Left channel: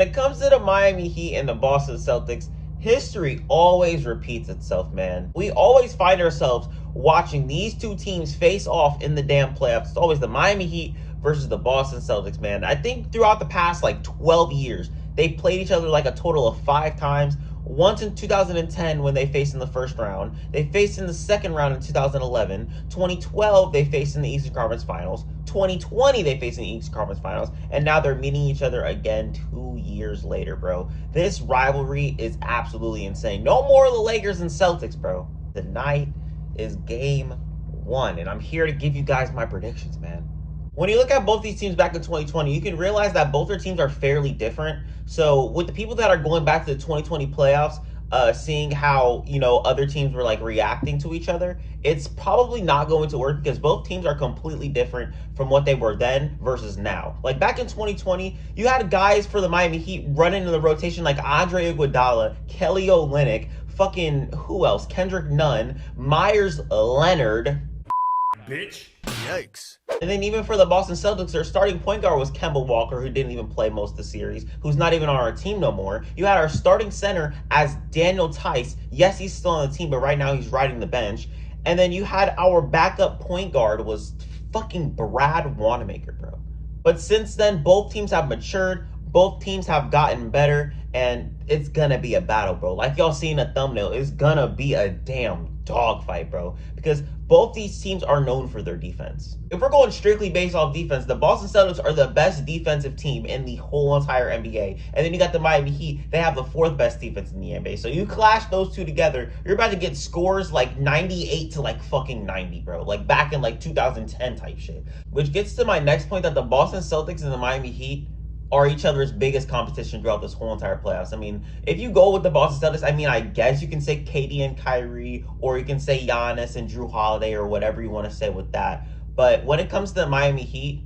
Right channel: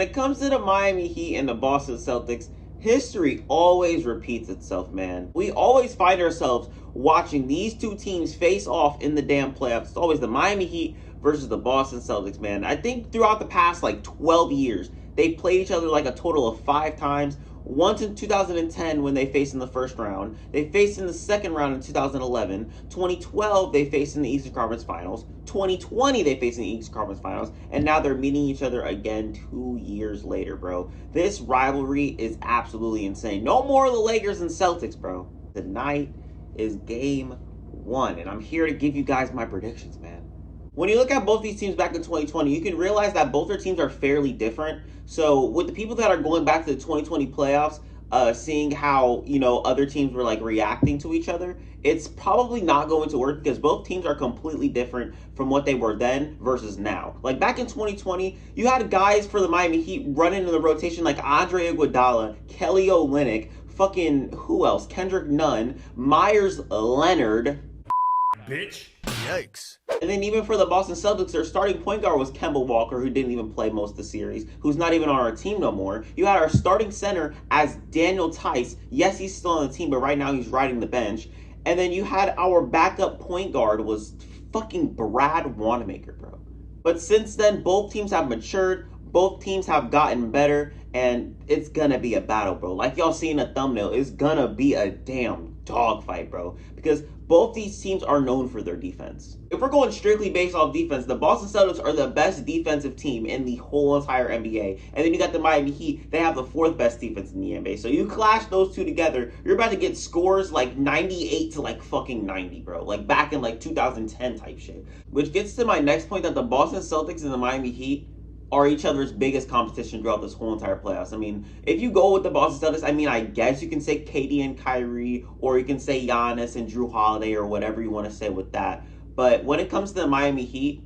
When it comes to the Miami Heat and the Boston Celtics, history always repeats itself, man. We always find ourselves watching these two teams face off in the damn playoffs. It's always the Miami Heat versus the Boston Celtics, man. I think throughout the past like 12 years, they've played each other like a total of 5 times. Once in 2010 when they faced in the first round. They faced in the second round in 2011. 2012 they faced in the Eastern Conference Finals. 2020 they faced in the Eastern Conference Finals. And now they're meeting each other again 2 years later, bro. This rivalry is absolutely insane. No more of the Lakers and Celtics, bro. Tonight is game one. And I'm here to give you guys my predictions, man. When you look at both these teams back in 2020, you can realize that both their teams are fairly different. So with the people that are going back to the 2020 playoffs, seeing how, other teams were like reacting to each other, it's probably not going to work because both teams are completely different from what they were then versus now. Like back in 2020, you had guys for the Miami Heat running in the rotation like Andre Iguodala, Kelly Olynyk, fucking who else? Kendrick Nunn, Myers Leonard. Bitch. Yikes. And then even for the Boston Celtics, their starting point guard was Kemba Walker, who didn't even play most of the series, who's not even on our team no more. You had our starting center as Daniel Tice. Yes, he's still on the team, but right now he's riding the bench. And then you had our backup point guard was fucking Brad Wanamaker, bro. But since then, both teams have matured. Both teams have gotten better, and it's gonna be a battle, bro. Like y'all see in the thumbnail, it's gonna be a damn dogfight, bro. Because both these teams are known for their defense. If we're going strictly based off defense, the Boston Celtics are the best defensive team in the whole entire NBA. And then you got the Miami Heat. They have the fourth best defense in the NBA. So you clash those two together, you're about to get scores like 98 to like fucking 90, bro. Like back in like 2010 type shit. Which gets to my next point that the Boston Celtics and the Miami Heat are each other's biggest competition throughout this whole entire playoffs. I mean, if you go with the Boston Celtics, I mean, I guess you can say KD and Kyrie, or you can say Giannis and Drew Holiday, or whatever you want to say with that. But when it comes to the Miami Heat,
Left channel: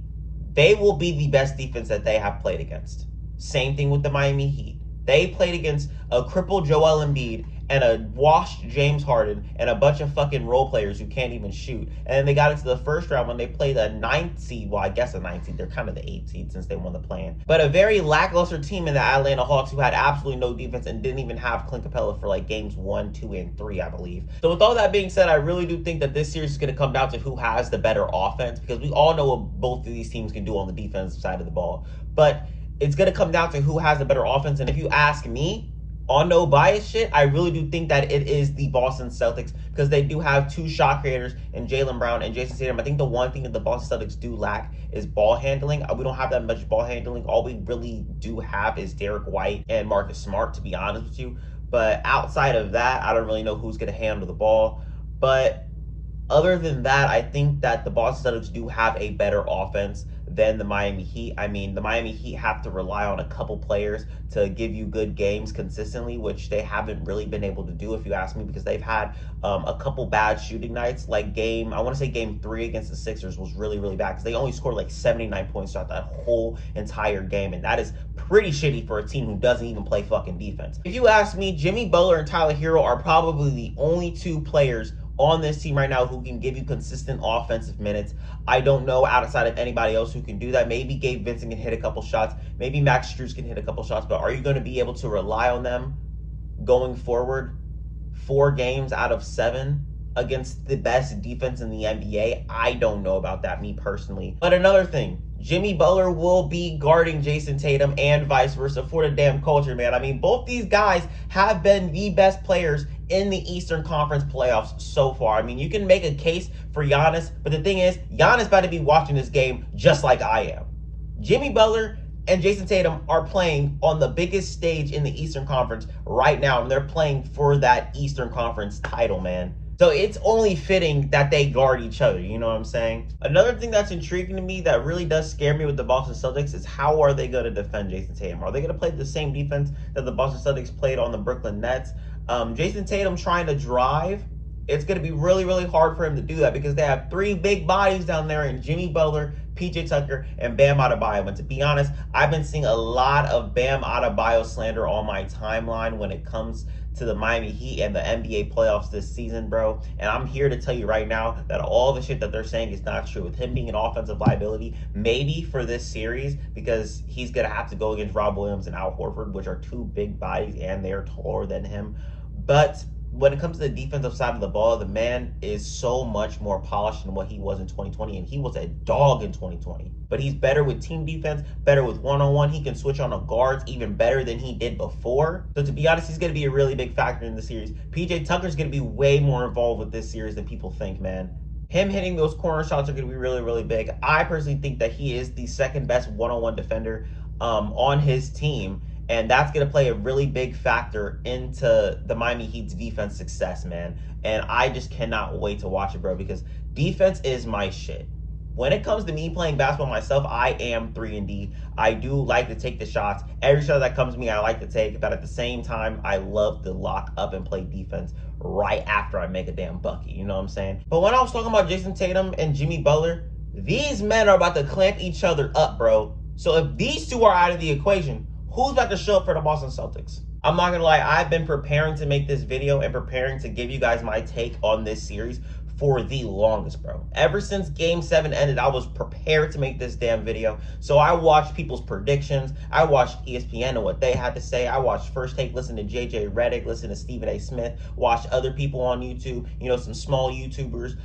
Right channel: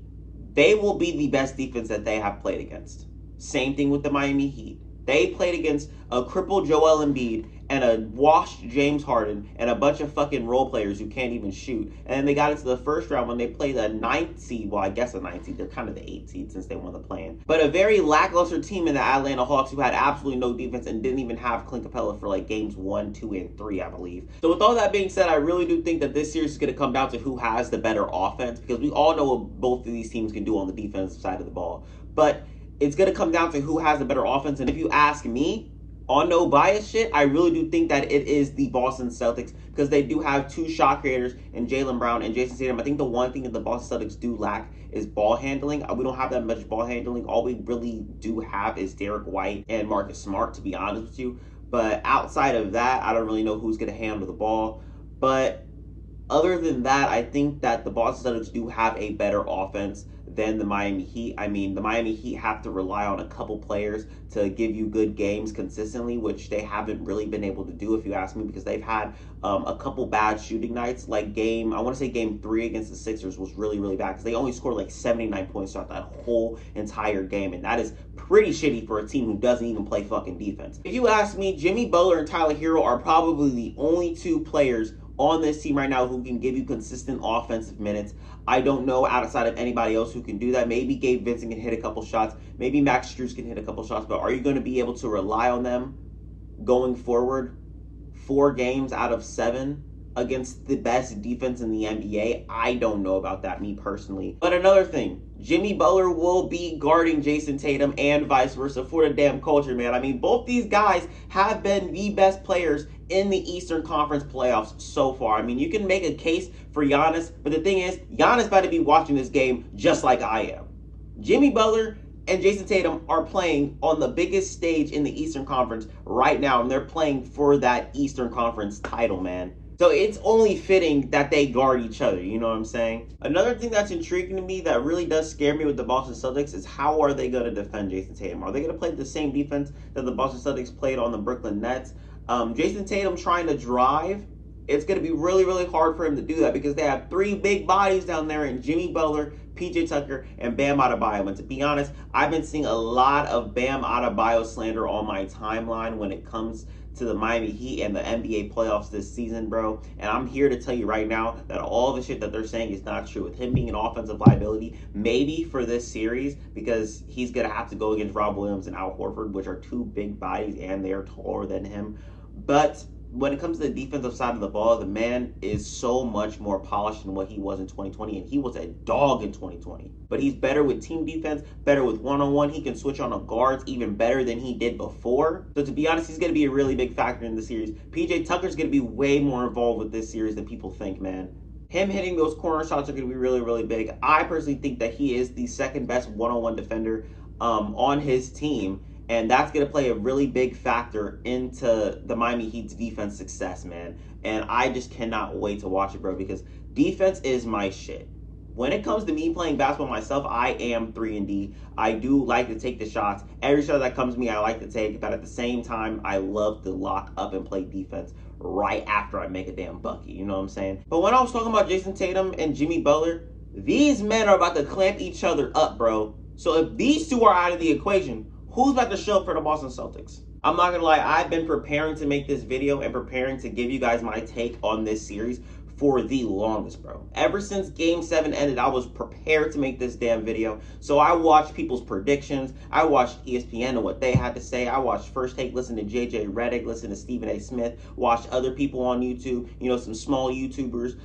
they will be the best defense that they have played against. Same thing with the Miami Heat. They played against a crippled Joel Embiid and a washed James Harden and a bunch of fucking role players who can't even shoot. And then they got into the first round when they played the 9th seed. Well, I guess the 9th seed. They're kind of the 8th seed since they won the play-in. But a very lackluster team in the Atlanta Hawks who had absolutely no defense and didn't even have Clint Capella for like games 1, 2, and 3, I believe. So with all that being said, I really do think that this series is going to come down to who has the better offense, because we all know what both of these teams can do on the defensive side of the ball. But it's going to come down to who has the better offense. And if you ask me, on no bias shit, I really do think that it is the Boston Celtics, because they do have two shot creators in Jaylen Brown and Jason Tatum. I think the one thing that the Boston Celtics do lack is ball handling. We don't have that much ball handling. All we really do have is Derek White and Marcus Smart, to be honest with you. But outside of that, I don't really know who's going to handle the ball. But other than that, I think that the Boston Celtics do have a better offense than the Miami Heat. I mean, the Miami Heat have to rely on a couple players to give you good games consistently, which they haven't really been able to do, if you ask me, because they've had a couple bad shooting nights. Like game 3 against the Sixers was really, really bad, because they only scored like 79 points throughout that whole entire game, and that is pretty shitty for a team who doesn't even play fucking defense. If you ask me, Jimmy Butler and Tyler Hero are probably the only two players on this team right now who can give you consistent offensive minutes. I don't know outside of anybody else who can do that. Maybe Gabe Vincent can hit a couple shots. Maybe Max Strus can hit a couple shots. But are you going to be able to rely on them going forward 4 games out of 7 against the best defense in the NBA? I don't know about that, me personally. But another thing, Jimmy Butler will be guarding Jason Tatum and vice versa for the damn culture, man. I mean, both these guys have been the best players in the Eastern Conference playoffs so far. I mean, you can make a case for Giannis, but the thing is, Giannis about to be watching this game just like I am. Jimmy Butler and Jason Tatum are playing on the biggest stage in the Eastern Conference right now, and they're playing for that Eastern Conference title, man. So it's only fitting that they guard each other, you know what I'm saying? Another thing that's intriguing to me that really does scare me with the Boston Celtics is how are they going to defend Jason Tatum? Are they going to play the same defense that the Boston Celtics played on the Brooklyn Nets? Jason Tatum trying to drive, it's going to be really, really hard for him to do that, because they have 3 big bodies down there in Jimmy Butler, PJ Tucker, and Bam Adebayo. And to be honest, I've been seeing a lot of Bam Adebayo slander on my timeline when it comes to the Miami Heat and the NBA playoffs this season, bro. And I'm here to tell you right now that all the shit that they're saying is not true. With him being an offensive liability, maybe for this series, because he's going to have to go against Rob Williams and Al Horford, which are two big bodies and they are taller than him. But when it comes to the defensive side of the ball, the man is so much more polished than what he was in 2020, and he was a dog in 2020. But he's better with team defense, better with one-on-one. He can switch on the guards even better than he did before. So to be honest, he's going to be a really big factor in the series. PJ Tucker's going to be way more involved with this series than people think, man. Him hitting those corner shots are going to be really, really big. I personally think that he is the second best one-on-one defender on his team. And that's going to play a really big factor into the Miami Heat's defense success, man. And I just cannot wait to watch it, bro, because defense is my shit. When it comes to me playing basketball myself, I am 3-and-D. I do like to take the shots. Every shot that comes to me, I like to take. But at the same time, I love to lock up and play defense right after I make a damn bucket. You know what I'm saying? But when I was talking about Jason Tatum and Jimmy Butler, these men are about to clamp each other up, bro. So if these two are out of the equation, who's about to show up for the Boston Celtics? I'm not gonna lie, I've been preparing to make this video and preparing to give you guys my take on this series for the longest, bro. Ever since Game 7 ended, I was prepared to make this damn video. So I watched people's predictions. I watched ESPN and what they had to say. I watched First Take, listened to JJ Redick, listened to Stephen A. Smith, watched other people on YouTube, you know, some small YouTubers,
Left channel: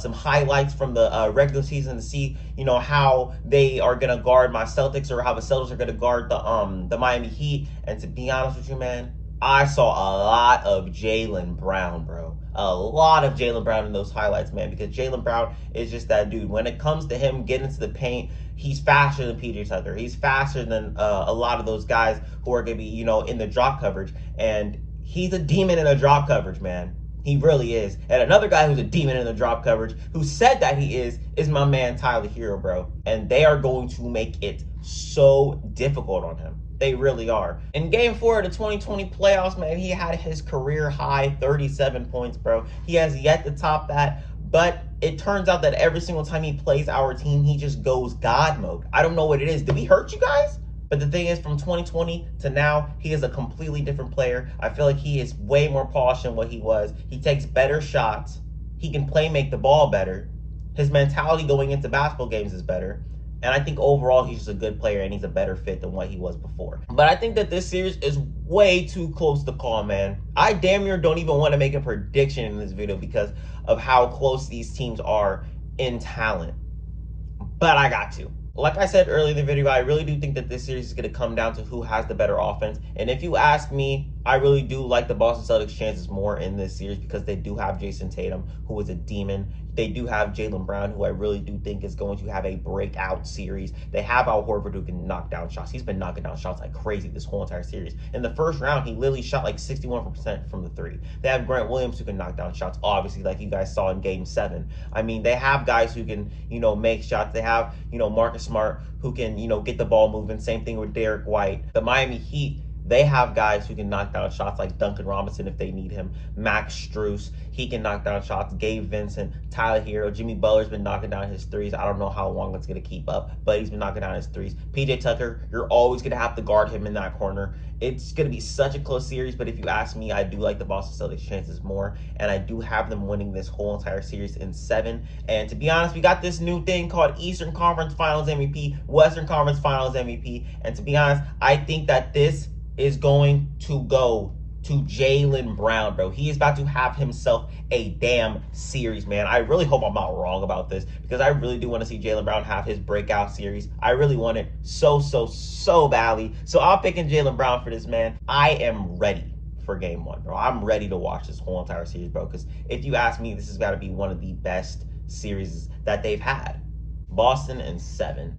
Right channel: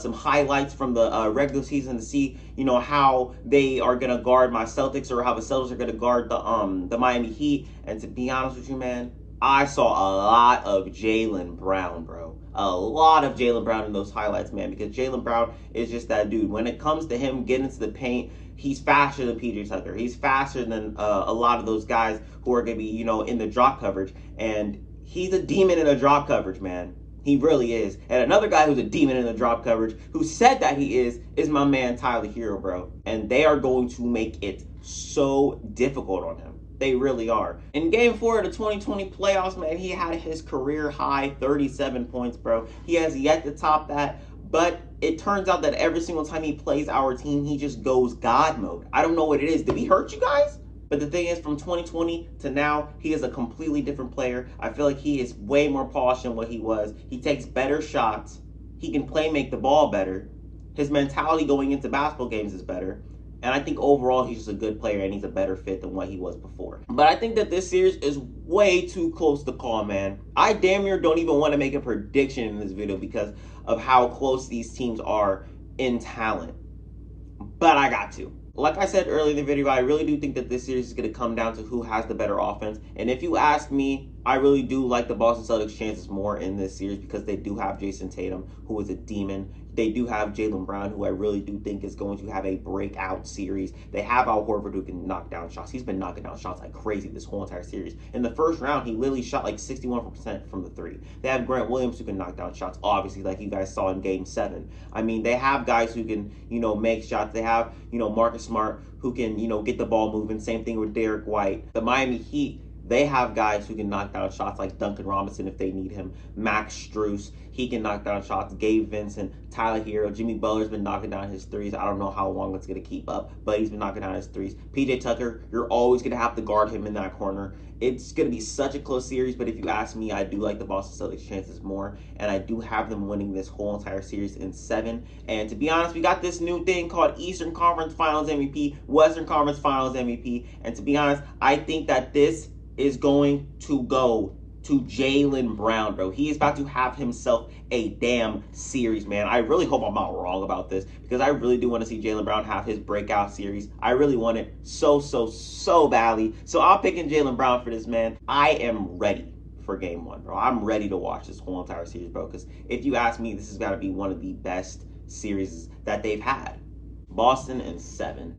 some highlights from the regular season to see, you know, how they are going to guard my Celtics or how the Celtics are going to guard the Miami Heat. And to be honest with you, man, I saw a lot of Jaylen Brown, bro. A lot of Jaylen Brown in those highlights, man, because Jaylen Brown is just that dude. When it comes to him getting into the paint, he's faster than PJ Tucker. He's faster than a lot of those guys who are going to be, you know, in the drop coverage. And he's a demon in the drop coverage, man. He really is. And another guy who's a demon in the drop coverage, who said that he is my man Tyler Hero, bro. And they are going to make it so difficult on him. They really are. In Game 4 of the 2020 playoffs, man, he had his career high 37 points, bro. He has yet to top that, but it turns out that every single time he plays our team, he just goes God mode. I don't know what it is. Did we hurt you guys? But the thing is, from 2020 to now, he is a completely different player. I feel like he is way more polished than what he was. He takes better shots. He can make the ball better. His mentality going into basketball games is better. And I think overall, he's just a good player and he's a better fit than what he was before. But I think that this series is way too close to call, man. I damn near don't even want to make a prediction in this video because of how close these teams are in talent. But I got to. Like I said earlier in the video, I really do think that this series is going to come down to who has the better offense. And if you ask me, I really do like the Boston Celtics' chances more in this series because they do have Jason Tatum, who is a demon. They do have Jaylen Brown, who I really do think is going to have a breakout series. They have Al Horford, who can knock down shots. He's been knocking down shots like crazy this whole entire series. In the first round, he literally shot like 61% from the three. They have Grant Williams, who can knock down shots, obviously, like you guys saw in Game 7. I mean, they have guys who can, you know, make shots. They have, you know, Marcus Smart, who can, you know, get the ball moving. Same thing with Derek White. The Miami Heat, they have guys who can knock down shots like Duncan Robinson if they need him. Max Strus, he can knock down shots. Gabe Vincent, Tyler Hero, Jimmy Butler's been knocking down his threes. I don't know how long it's going to keep up, but he's been knocking down his threes. PJ Tucker, you're always going to have to guard him in that corner. It's going to be such a close series, but if you ask me, I do like the Boston Celtics' chances more, and I do have them winning this whole entire series in 7. And to be honest, we got this new thing called Eastern Conference Finals MVP, Western Conference Finals MVP, and to be honest, I think that this is going to go to Jaylen Brown, bro. He is about to have himself a damn series, man. I really hope I'm not wrong about this because I really do want to see Jaylen Brown have his breakout series. I really want it so badly. So I'm picking Jaylen Brown for this, man. I am ready for Game 1, bro. I'm ready to watch this whole entire series, bro, because if you ask me, this has got to be one of the best series that they've had. Boston in 7.